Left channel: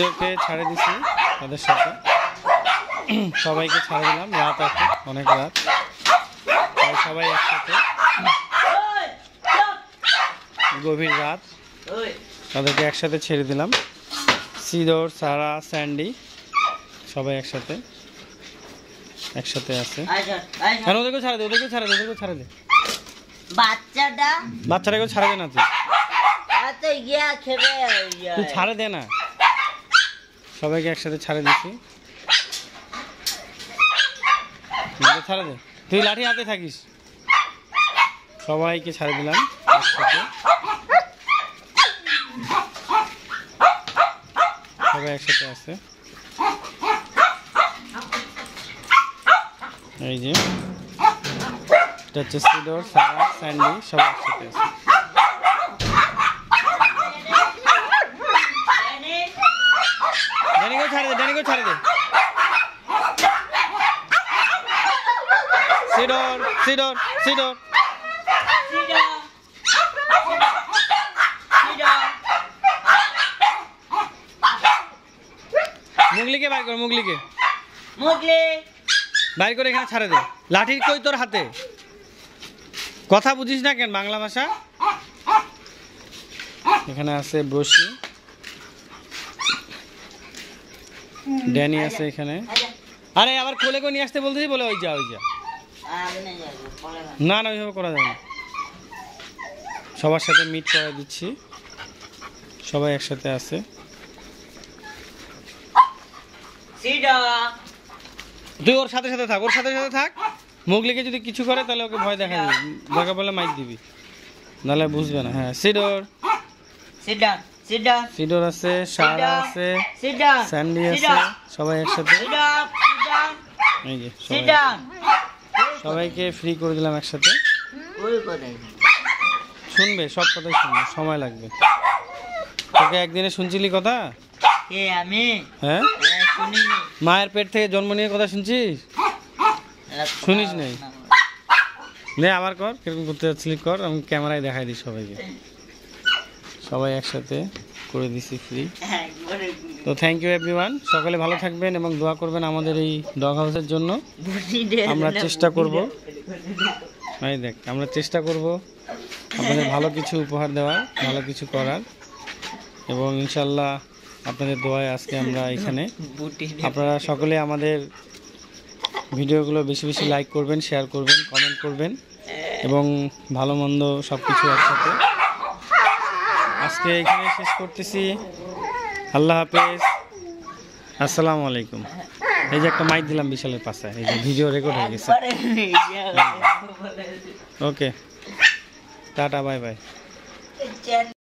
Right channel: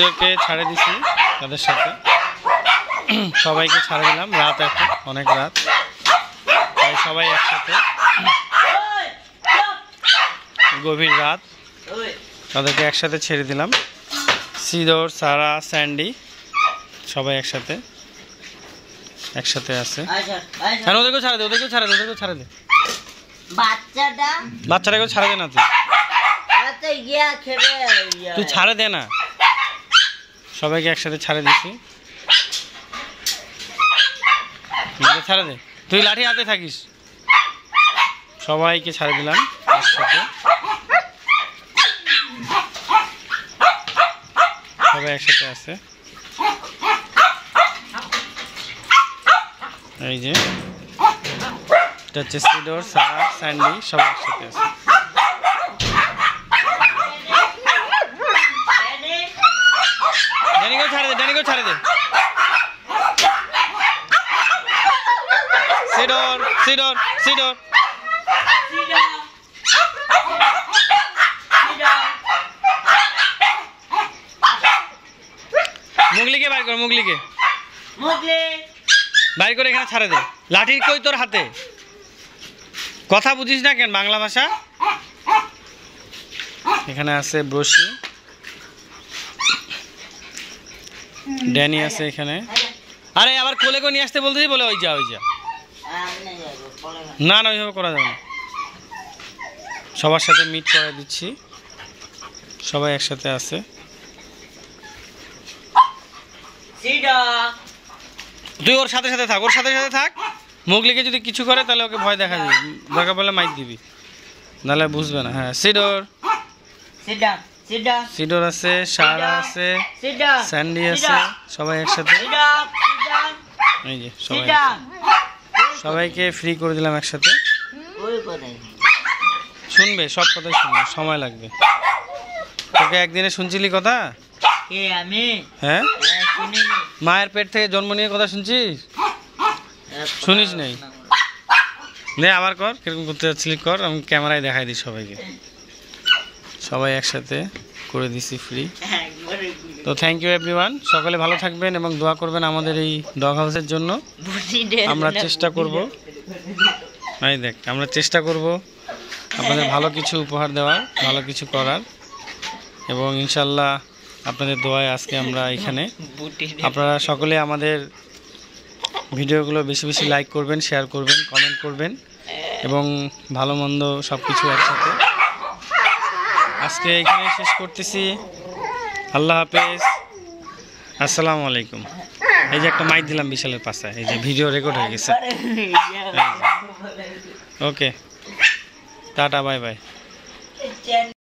কে ছাড়ে দিছি তাদের সাথে সবাইকে ছাড়ে দিলাম। রাত এখন অনেক রাত, তাই সবাই একসাথে, গভীর রাত, তাদেরকে একসাথে ছেড়ে দিলাম। সিডর, সারা, স্যান্ডি সবাই একসাথে আছে। ওদেরকেও ছাড়ে দে, ওদেরকেও ছাড়ে দে, ওদেরকেও ছাড়ে দে। বাচ্চাটাকেও ছাড়ে দে না, তুই ছাড়ে দে না। সবাইকে একসাথে ছাড়ে দিছি, ছাড়ে দে, তুই লাঠি হাতে থাকিস। সবাইকে ছাড়ে দিলাম একসাথে, সবাই একসাথে আছে। এই যে এটা হচ্ছে সিডর, সারা, স্যান্ডি সবাই একসাথে আছে। ড্যানিকেও ছাড়ে দে, ড্যানিকেও ছাড়ে দে। সিডর, সিডর, সিডর, মুগলিকে বাইর কর, মুগলিকে বাইর করে এখানে ছাড়ে দে। লাঠি কই তোর হাতে? কথা বুঝিস না কেন বাংলা ভাষা? এখানে আছে ব্রোশি, ড্যানি আছে এখানে। আরে আবার কোলে করে নিয়ে আসতে বলতেছি, বলে ওই যা ওই যা। না না, ওইভাবে করা যাবে না। সবার সাথে মিট করে দিচ্ছি, সবাই একসাথে আছে। তুই ওর সাথে সাথে থাক, ওর সাথে সাথে থাক। মুগলিকে যদি কিছু করে তাহলে ওকে ভয় দেখা দিবি, দরকার বলে মাইক দিবি, নাহলে বুঝবে না। হ্যাঁ, সিডর, সিডর আছে, সারা আছে, স্যান্ডি আছে, সবাই একসাথে। এই যে সবাই, সবাইকে ফ্রি করে দিলাম একসাথে। শুনবে, সব কথাই শুনবে, সময় লাগবে। তোকে একদিনে শুনছিলি কথা? হ্যাঁ, মায়ের পেট থেকে জন্ম নিয়ে কথা শুনছিস? শুনিস নাই? নে আবার কর, কিরকম করতে যাচ্ছিলি কর, আমি ক্যামেরায় দেখাই দিই সবাইকে। সবাই একসাথে করে দিছি ফ্রি। তো থ্যাংক ইউ এভরিওয়ান, সকলে ভালো থাকবেন এবং দোয়া করবেন আমাদের এই ডগ হাউসের জন্য। আমরা চেষ্টা করব, এই দেখ, আমরা চেষ্টা করব আপনাদের ভালো কিছু উপহার দেওয়ার, ভালো কিছু করার, এবং ইনশাল্লাহ আপনাদের দোয়ায় আজকে আমরা এখানে। আপনারা সকলে আমাদের ভিডিওগুলো বেশি বেশি লাইক করবেন, শেয়ার করবেন, কমেন্ট করবেন, এবং ভালো মন্দ সব কিছু একসাথে। আজকে এখানে শেষ করতেছি। আল্লাহ হাফেজ, আসসালামু আলাইকুম। এই যে একটা মাইক দিলাম বিশালের পাশে, এই যে ভিডিও রেকর্ড হয়ে গেছে। ওকে, টাটা, বাই বাই।